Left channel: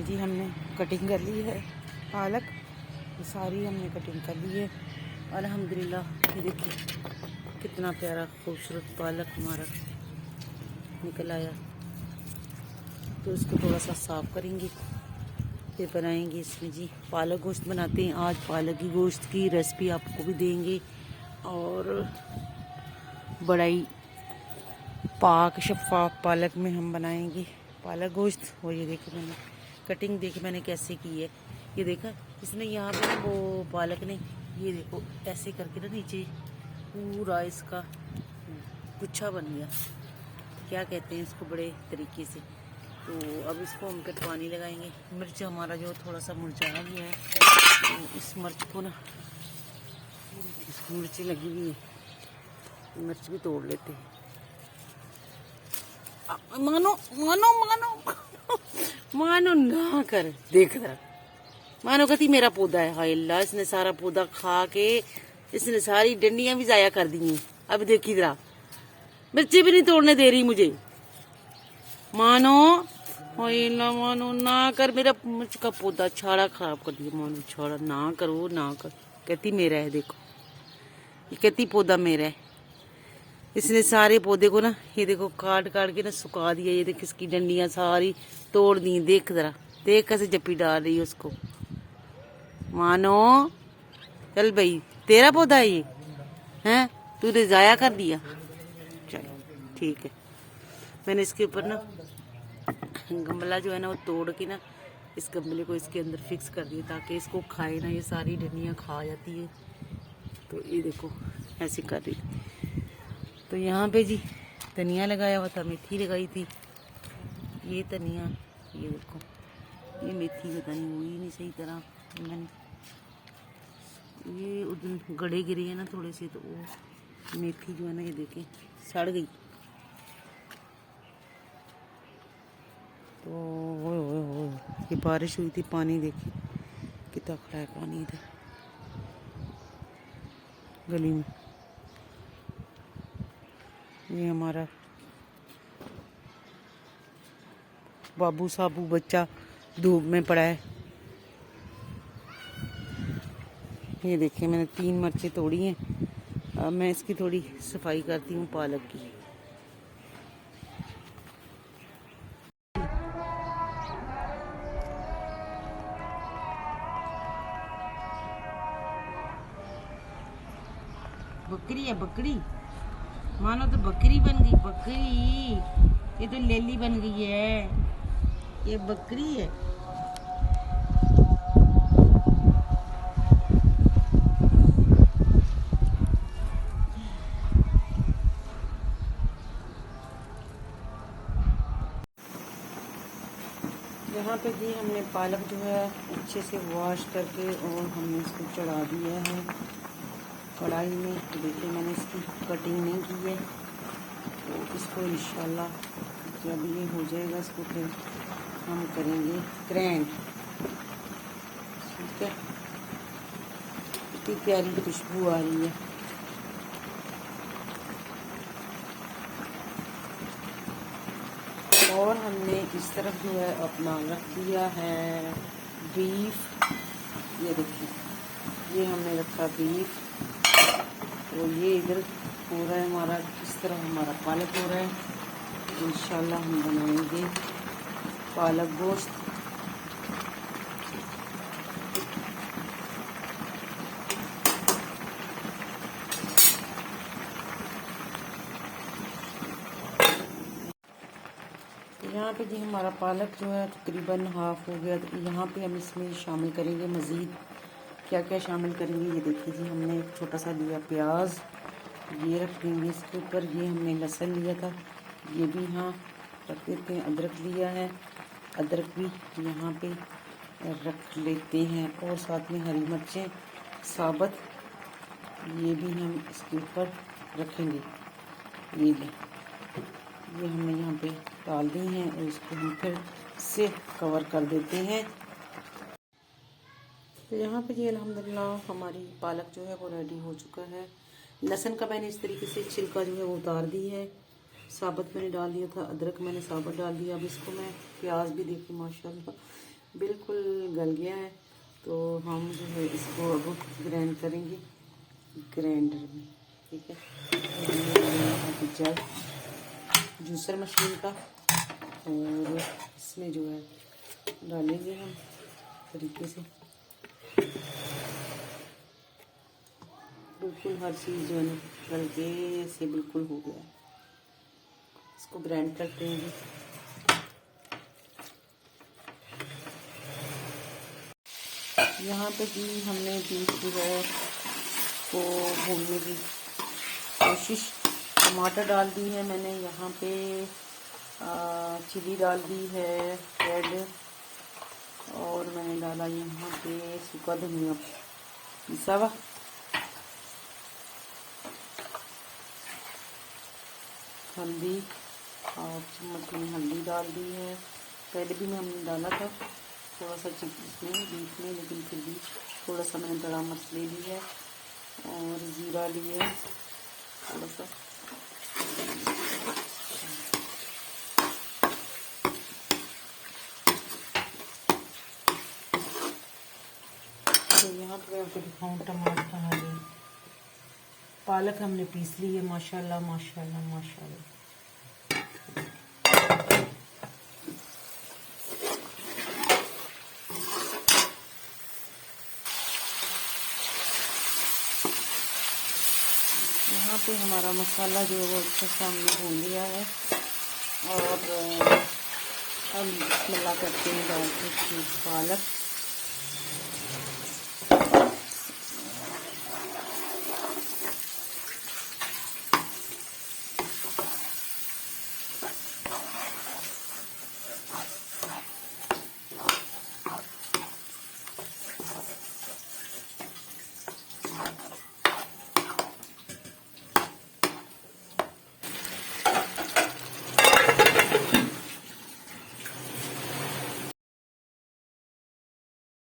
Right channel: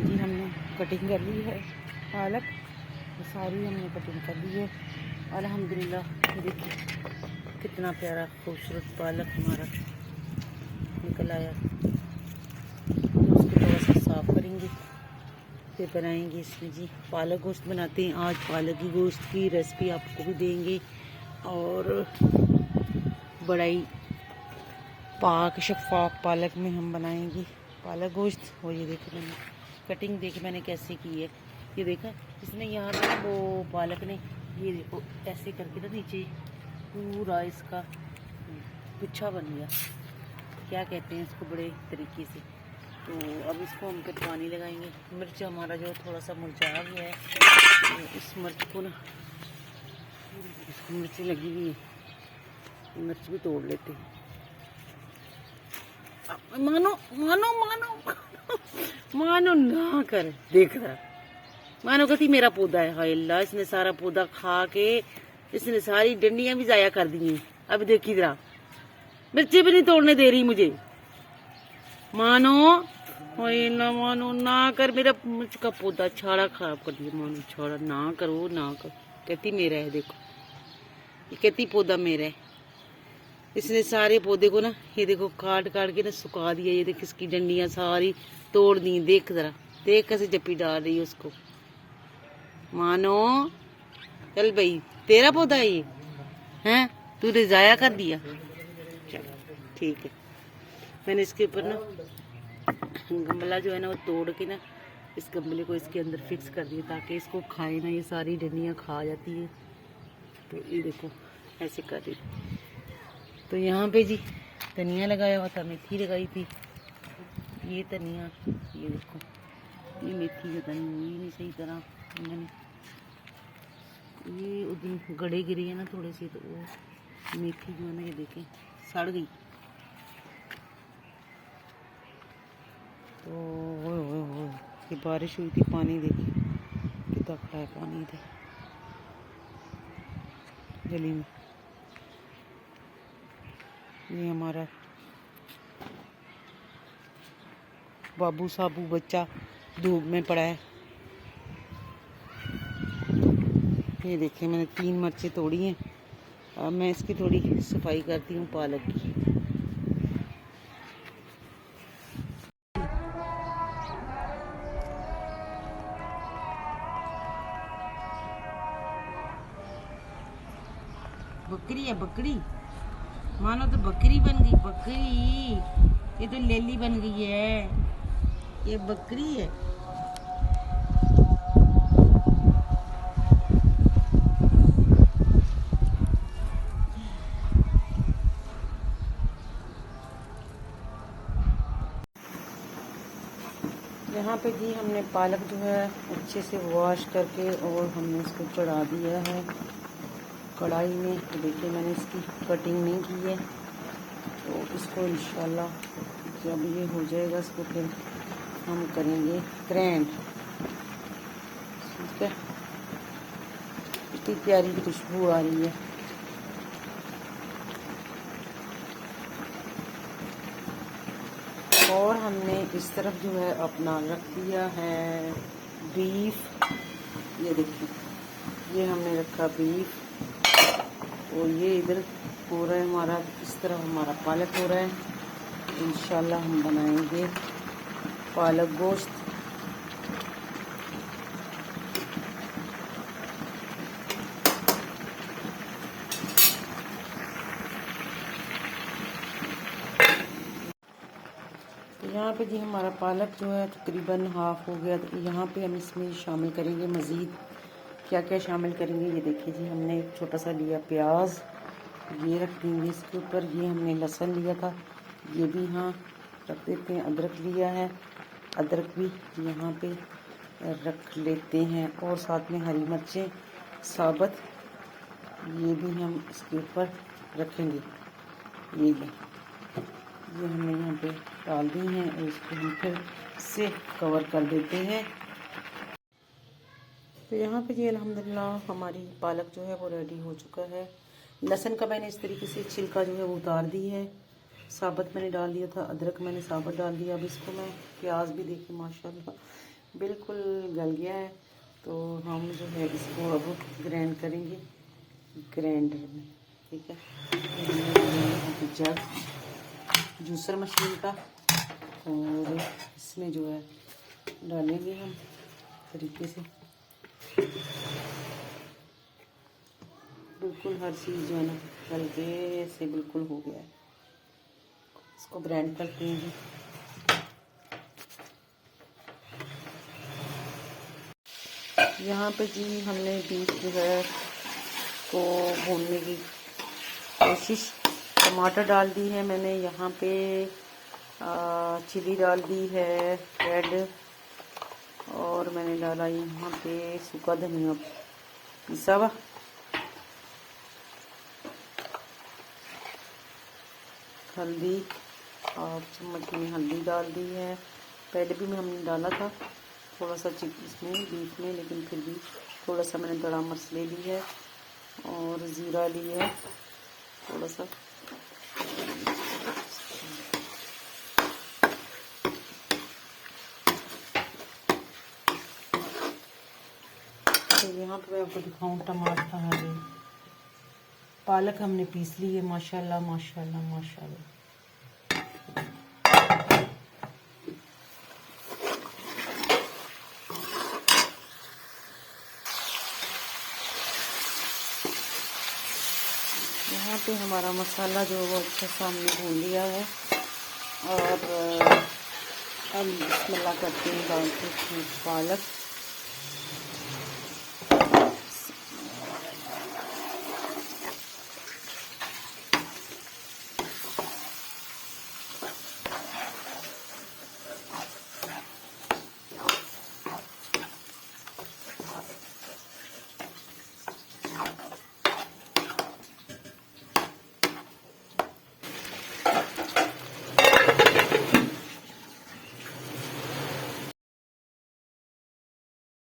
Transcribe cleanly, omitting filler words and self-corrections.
जी हमने कटिंग कर ली है पालक, सारी हमने कटिंग कर ली है अल्हम्दुलिल्लाह। ये देखिए कितना प्यारा खूबसूरत पालक हमारा निकल आया। तो उसको थोड़ा सा साफ करेंगे, फिर बनाएंगे इसमें जी पालक गोश्त बनाते हैं। आज पालक की गोश्त की रेसिपी आपको भी देंगे और बड़ा ही पाक शफाफ पालक में हम बनाएंगे पालक गोश्त। और ये देखो मैंने कटिंग देखो मैंने कैसे की है, ये देखा इसने यहाँ पे वो पालक ने ये देखो ऐसे करके ना नीचे पूरा इसका गुच्छा बन गया, क्या कहते हैं इसको बड़े तरीके से। तो अब इसको हम कटवानी लगाएंगे। मिर्च हमारा जो थोड़ा सा मुरझाया गया है, तो इस मिर्च को ना इसको मिर्ची लगी हुई है, मिर्च भी तोड़ लेते हैं। मानो मानो मानो मानो ना कर, देख रहा मानो कहती मेरा पौधा है। हाय अल्लाह, इसने सारा पौधा खा के इसने सारी डंडियां भी जाया कर दी हैं। अब देखी जरा मिर्ची भी नहीं तोड़ने दे रही मुझे। मानो हाय अल्लाह, मानो ना कर, मेरा मिर्च का पौधा छाड़ा खराब कर दिया। मानो छाड़ा ना करो ना कर, कहती मेरा है। देखो कहती पौधा मेरा है। इसने सारे पौधे को ना ये देखो काट काट के ना सुखा दिया। ये देख इसकी डंडियां सारी तोड़ दी। देख जरा, देख कैसे जप्पी डाल रही है उसको। मानो चल भाई, तेरा पौधा है ये, हैं तूने जाया कर दिया। चल ठीक है, मैंने इसके ऊपर ना गमला जो है ना वो तोड़ के ना इस गमले को इसके अंदर फिक्स कर दिया ताकि इसको खाए ना, ये सारी डंडियां खा जाती है। तो ये देखो ऐसे कर रही। तो यहाँ पे जी धनिया लगाया हुआ था, मेथी लगाई थी। ये धनिया ये देखो, ये मेथी पता नहीं हुई नहीं सही तरह, मैंने ये उस दिन गड़े गिरे है ना थोड़े से, तो वो मेथी जो है ना ये देखें सड़ गई। तो ये बारिश हुई थी, पानी देखिए कितना खड़ा है पानी इधर गली में। ये हमारा बाबू साबू बच्चा धूप में पड़ा है। ये देखिए मैंने 3 मिर्चें तोड़ी हैं। अब मैं इसकी थोड़ी सफाई करती हूँ पालक की। बकरी है बकरी, मानो तो बकरी बन गई। बकरी ये तो लेली बन गई है, ये बकरी है। यहाँ पे जी हमने पालक जो है अच्छे से वॉश करके और हमने इसको चढ़ा दिया है कढ़ाई में। तो देखिए मैंने इसकी कटिंग नहीं की है, तो इसको इंशाल्लाह जब ये हो जाएगा इसको फिर हम करेंगे ग्रैंड। ठीक है, इतनी प्यारी खुशबू आ रही है। और हमने इस तरफ जो है अपना रख दिया है बीफ। ये देखिए ये हमने रखा बीफ, और ये इधर हो रहा है हमारा, इस तरफ हमारा पालक हो रहा है। इंशाल्लाह हम बनाएंगे पालक गोश्त। यहाँ पे जी हमारा पालक जो है तकरीबन हाफ हो गया। तो यहाँ पे हम इसमें शामिल करेंगे मज़ीद क्या क्या शामिल करेंगे। ये देखिए जी, हमने एक छोटा सा लिया प्याज, ये रख देंगे इसके ऊपर। ये हमने लहसुन लिया था, ये भी यहाँ रख देते हैं। अदरक लिया है, अदरक भी यहाँ पे रख लेते हैं। और साथ में हरी मिर्चें साबुत, ये भी हम इसके ऊपर रखेंगे। ये हमने यहाँ पे डाल दी हैं और इसको हम फिर से कवर कर देते हैं। तो यहाँ पे ये अल्हम्दुलिल्लाह हमारी पालक जो है वो रेडी हो चुका है। लहसुन का मैंने इस तरीके से छिलका जो है वो उतार दी है, साबुत मैंने डाल दिया था, अदरक मैंने साबुत डाल दिया। अब इसको मैं प्याज भी देखिए माशाल्लाह बिल्कुल गल गया है। तो हम जो है इसको अब ग्राइंड करेंगे ग्राइंडर में, ठीक है। यहाँ पे जग जूसर मशीन का, और इसमें जो है डालेंगे हम तरीके से। बिल्कुल हर चीज़ जो है ना हल्के से बिल्कुल हो गया है। इसको ग्राइंड करते हैं। यहाँ पे जी हमने बीफ जो है को भूनने की कोशिश, टमाटर डाल दी है मैंने, यहाँ पे चिली डाल दी है रेड, और मैंने डाला यहाँ पे सूखा धनिया पिसा हुआ, हल्दी 1 चम्मच में हल्दी डाल दी है। पहले भी हमने डाला था थोड़ा सा इसमें बीफ में, लेकिन फिर भी थोड़ा सा मैंने दड़ा मिर्च ले ली है, और ज़ीरा लिया है थोड़ा सा। तो यहाँ पे मैं आपको दिखाऊँ टमाटर, पालक हमने पीस ली है माशाल्लाह माशाल्लाह माशाल्लाह। यहाँ पे हमारा मसाला जो है वो अच्छा सा हमने भून लिया है, और हम बिस्मिल्लाह करते हैं डालते हैं पालक।